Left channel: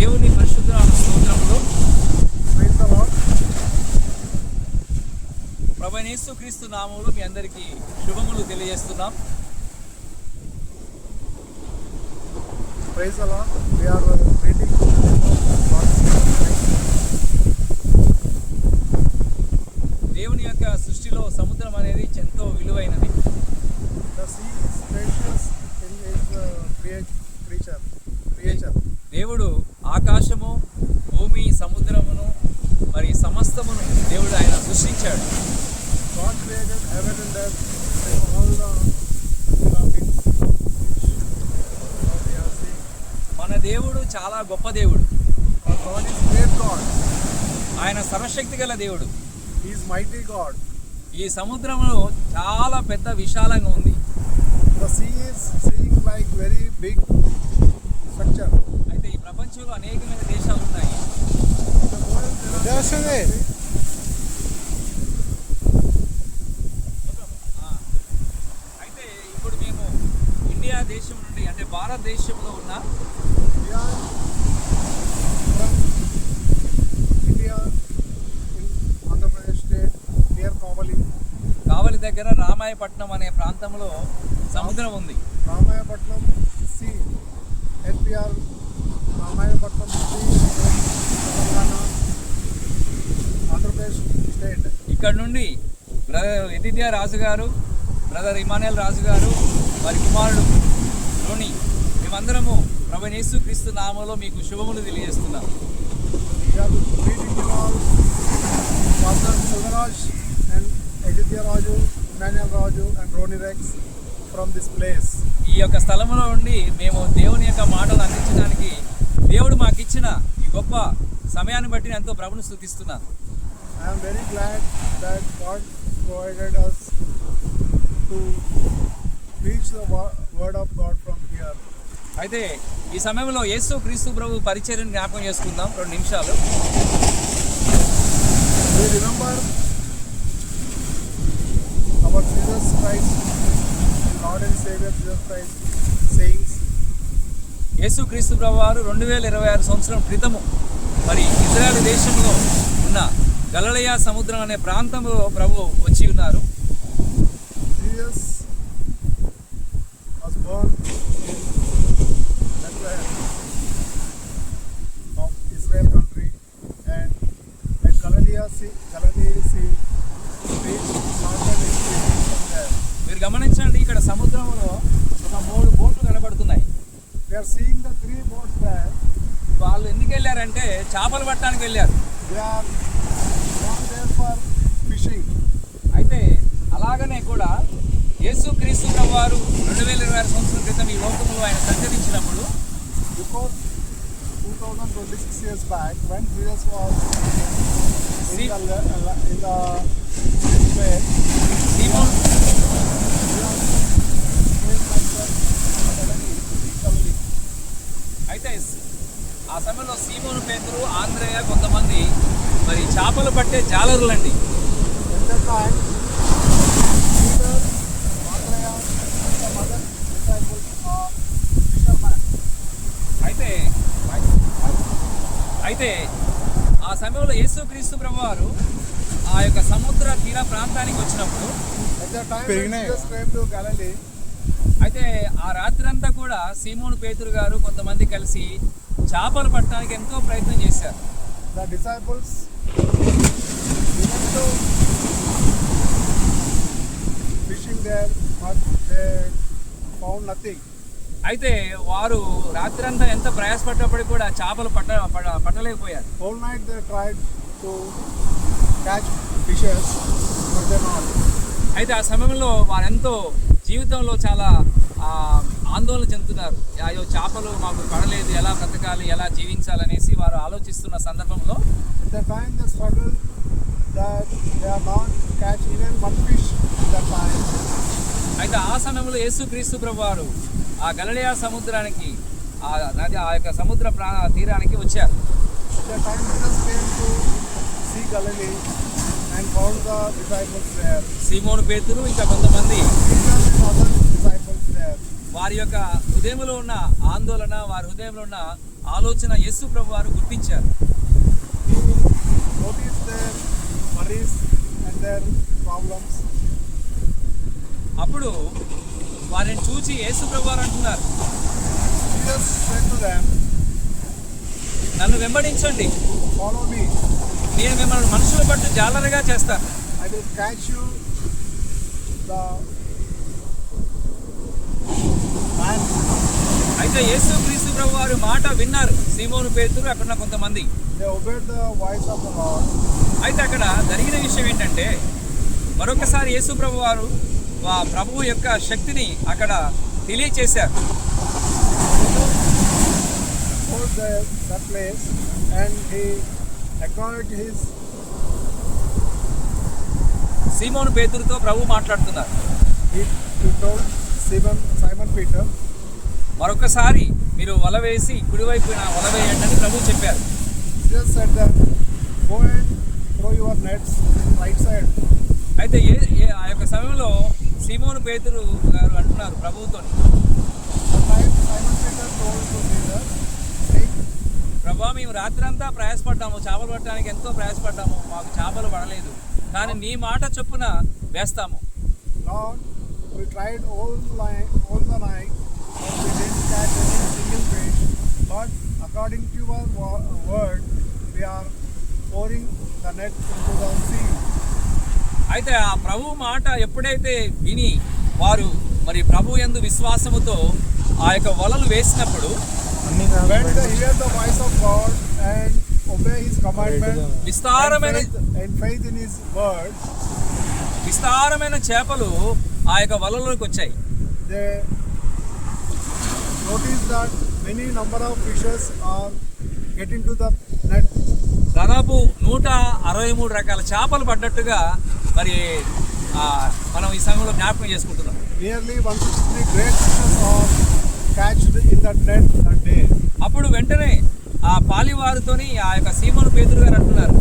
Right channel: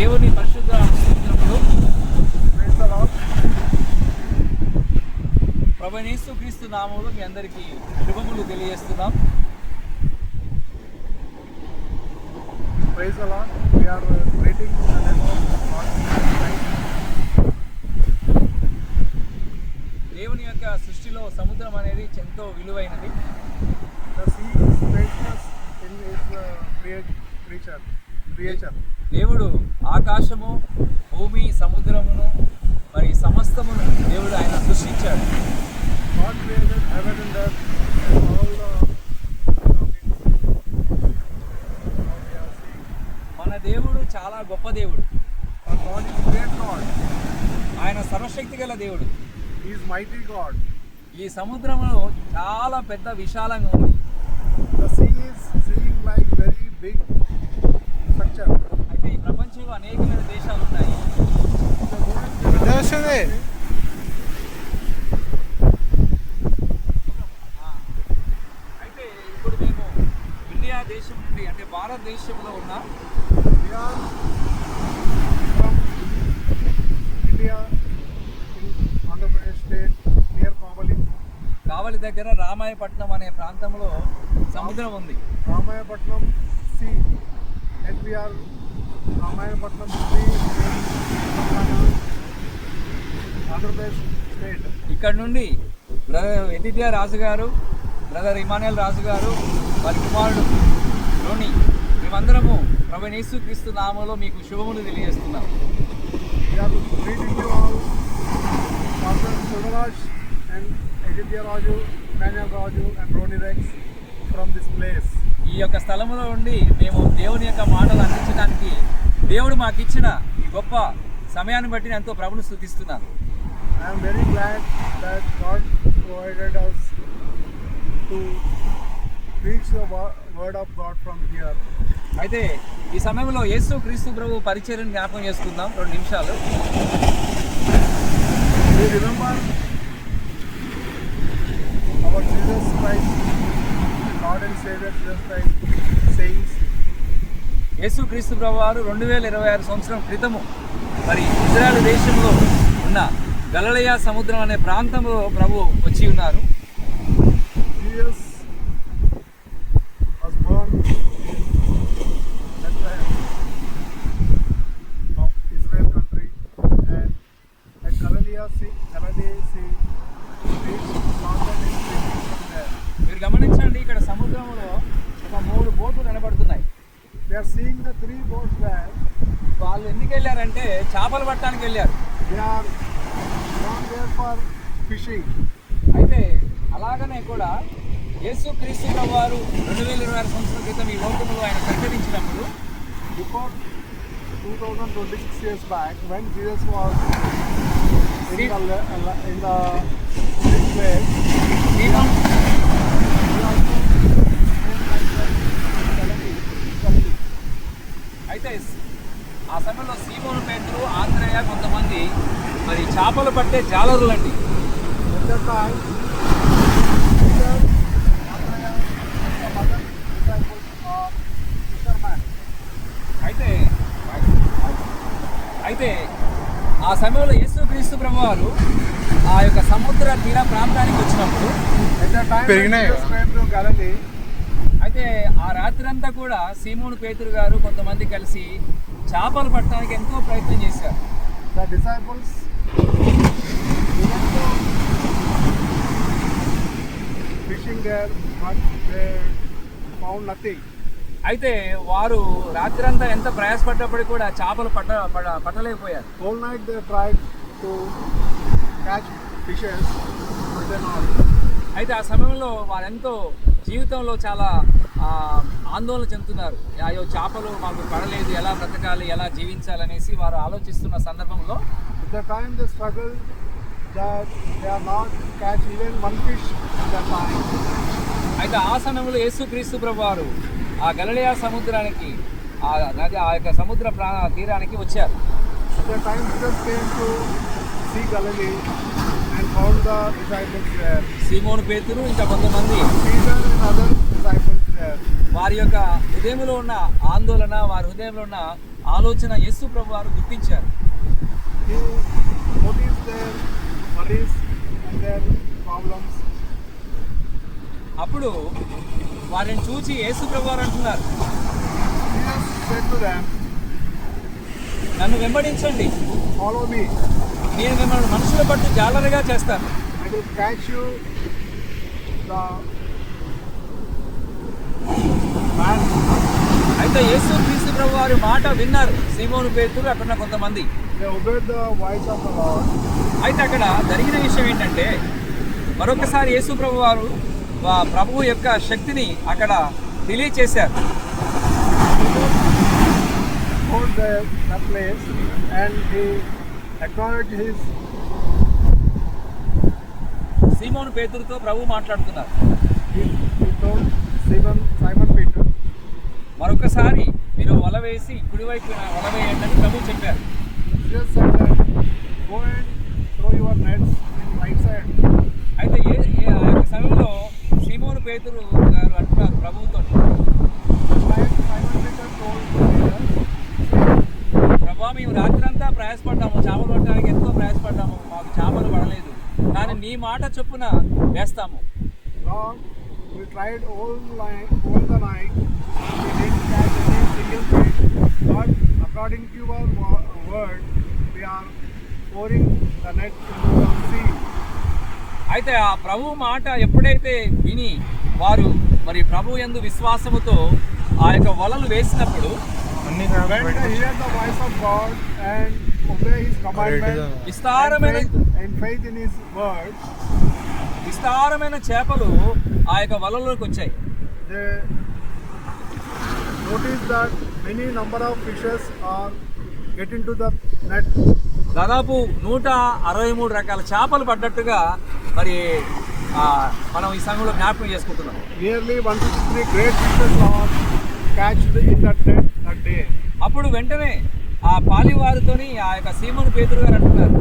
దేవుని పరిశుద్ధ స్తోత్రములు. ప్రభువైన యేసుక్రీస్తు నామములో మీ అందరికీ శుభములు తెలియజేస్తున్నాం. Praise the Lord. We are greeting to the name of God. దేవుని యొక్క సృష్టిలో సముద్రం అనేది ఎంతో విలువైనది. The sea is precious in its creature. దేవుడు ఆకాశము, భూమి, సముద్రమును మరి సమస్తమును దేవుడు ఆయన సృష్టించాడు. God created heaven and earth and all the surroundings. మన దేవుడు చాలా గొప్ప దేవుడు. Our God is great God. ఆయన సర్వశక్తి గల దేవుడు. He is mighty God. ఈ సముద్రము చాలా పెద్ద విశాలంగా ఉంది. The sea is seems like very big structure. అయితే ఈ ప్రపంచంలో అనేకమైన దేశాలు ఉన్నాయి. అయితే ఇప్పుడు మేము ఇండియా దేశం నుండి అంటే భారతదేశంలో ఉన్న We are from India in Andhra Pradesh state near Kavali. కావలి దగ్గర రామాయపట్నం అనే ప్రాంతంలో సముద్రం ఉంది. Ramayapatnam Sea. NPR Ramayapatnam Sea in Andhra Pradesh state. ఇక్కడ నుండి బ్రదర్ ఎదిత్య రాజు గారు, బ్రదర్ ఇమానుయల్ రాజు గారు, వారి కుమారుడు రోని, మేమందరము ప్రభువైన యేసుక్రీస్తు నామములో మీకు శుభములు తెలియజేస్తున్నాం. We are greeting you all, Pastor Sudaraj and Aditya Raju, Emmanuel Raju and Roni Rex from this place. ఈ యొక్క స్థలములో ఉండి మేము దేవుని యొక్క మాటలు అందించడానికి దేవుడు మాకు ఇచ్చిన ఈ గొప్ప సమయాన్ని బట్టి ఎంతో ప్రభుని స్తుతిస్తున్నాను. I am very glad that God provided us to preach the word of God from here. అయితే ఈ సమయంలో యేసుక్రీస్తు ప్రభు పరిచర్యను జ్ఞాపకం చేసుకుందాం 2 నిమిషాలు. We remember our Jesus Christ, Lord and Savior Jesus Christ, sayings. యేసుక్రీస్తు ప్రభు వారు 2026 సంవత్సరం క్రితము మరి ఇజ్రాయెల్ దేశంలో ఉన్న గలిలయ సముద్రం అనే ప్రాంతంలో ప్రభు వచ్చి ఉన్నారు. Jesus was born in Bethlehem of Israel country and at Galilee Sea, reached northern extremity from there. మీరు గమనించండి, ఇక్కడ సముద్రంలో ఒక 3 బోట్లు కనబడుతున్నాయి. We are seeing the 3 boats there. వాళ్ళు ఎందుకు వెళ్ళారంటే చేపలు పట్టడానికి వెళ్ళారు. They are not there for fishing. అయితే అలాగనే కూడా యేసుక్రీస్తు ప్రభు వారు 2026 సంవత్సరం క్రితం ఈ లోకంలో ఆయన సంచరించినప్పుడు Before 2026 years back, when Jesus was in the way, Simon he also came like that in Galilee. అయితే ఆ సమయంలో సీమోను పేతురు, ఆంద్రేయ కొంతమంది మరి చేపలు పట్టే జాలరులండి. At that time, Peter, Andrea, and some other disciples are fishermen. అయితే ఆ సమయంలో యేసుక్రీస్తు ప్రభు వారు ఆ యొక్క సముద్ర తీర ప్రాంతానికి వచ్చినప్పుడు At that time, when Jesus came to Galilee, అయితే ఆ రాత్రంతా కూడా సీమోను పేతురు గారు కొంతమంది కలిసి చేపలు పట్టడానికి ఎంతో ప్రయత్నం చేశారు. the disciples went to fishing there, but they found nothing. అయితే వారు రాత్రంతా ఎంత ప్రయాసపడ్డప్పటికీ కూడా చేపలు పట్టలేకపోయారు. Whole night they tried to catch fishes, but they not. అయితే ఆ సమయంలో వారెంతో జీవితంలో చాలా ఆందోళన చెందుతున్నారు. అయ్యో చేపలు మాకు పడలేదు, ఎలా బ్రతకాలి, ఎలా జీవించాలనేసి వారు ఆలోచిస్తున్న సందర్భంలో The time they struggle that they are not catch even one fish in that time. అయితే ఆ సమయంలో యేసుక్రీస్తు ప్రభు వారు ఆ గలిలయ సముద్రానికి ఆ యొక్క సముద్ర తీరానికి వచ్చారు. At that time Jesus came to see Galilee and found the disciples there. సీమోను పేతురు ఇంకా కొంతమంది Peter and other disciples there. వారి యొక్క హృదయంలో ఉన్న ఆందోళన, వారి హృదయంలో ఉన్న ఆలోచన యేసు ప్రభు వారు గుర్తించారు. He noticed their worries and their problems. అప్పుడు వారిని చూచి యేసు ప్రభు వారు అంటున్నారు, Jesus said to them, నన్ను వెంబడించండి, "Follow me. నేను మిమ్మల్ని మనుషుల పట్టు జాలరుగా చేస్తాను. I will catch you the man." అయితే యేసు క్రీస్తు ప్రభు వారి మాట విన్నారు సీమోను పేతురు, అక్కడ కొంతమంది. They obeyed the voice of the Lord. అయితే అక్కడ జరిగిన విషయం ఏంటంటే, మరొకసారి యేసు ప్రభు వారు ప్రభువు యొక్క శక్తిని అక్కడ తెలియచేశారు. Hold that place, and he acknowledged his. సీమోను పేతురుతో ప్రభు మాట్లాడుతున్నారు. He told Simon Peter, మరొకసారి మీరు వల వేసి కుడివైపున వల వేయండి అని ప్రభు చెప్పారు. Jesus said that, "Go and throw your nets in right side." అయితే ఆ యొక్క సమయంలో సీమోను పేతురు గారు అంటున్నారు ప్రభువుతో, Simon Peter told to Peter, ప్రభా మేము రాత్రంతా ప్రయాసపడ్డాము, చేపలు పట్టడానికి ఎంతో ప్రయాసపడ్డాము, మాకు చేపలు పడలేదు, కానీ నీ మాట చొప్పున వేస్తాము. "Lord, we tried all the night, and we didn't catch any single fish. But according to your word, we are pouring the net into the sea." అయితే ఆ ప్రభు మాట ఎప్పుడైతే విని వారు మరి ప్రభు యందు విశ్వాసముతో ఆ యొక్క వలలు వేసినప్పుడు, When they hear the voice of God and obey His commandment and faith in His word, విస్తారమైన చేపలు ఆ యొక్క వలలోకి వచ్చాయి. they notice that many number of fishes are get into the net. దాదాపు 163 రకాల చేపలు పడ్డట్టుగా మరి మనం ఈ సమయంలో జ్ఞాపకం చేసుకుంటున్నాం. Nearly 163 great fishes are catched in that net that day. అప్పుడు వెంటనే ఆ పాలివారితోని ఆ యొక్క సీమోను పేతురు గారు అంటున్నారు,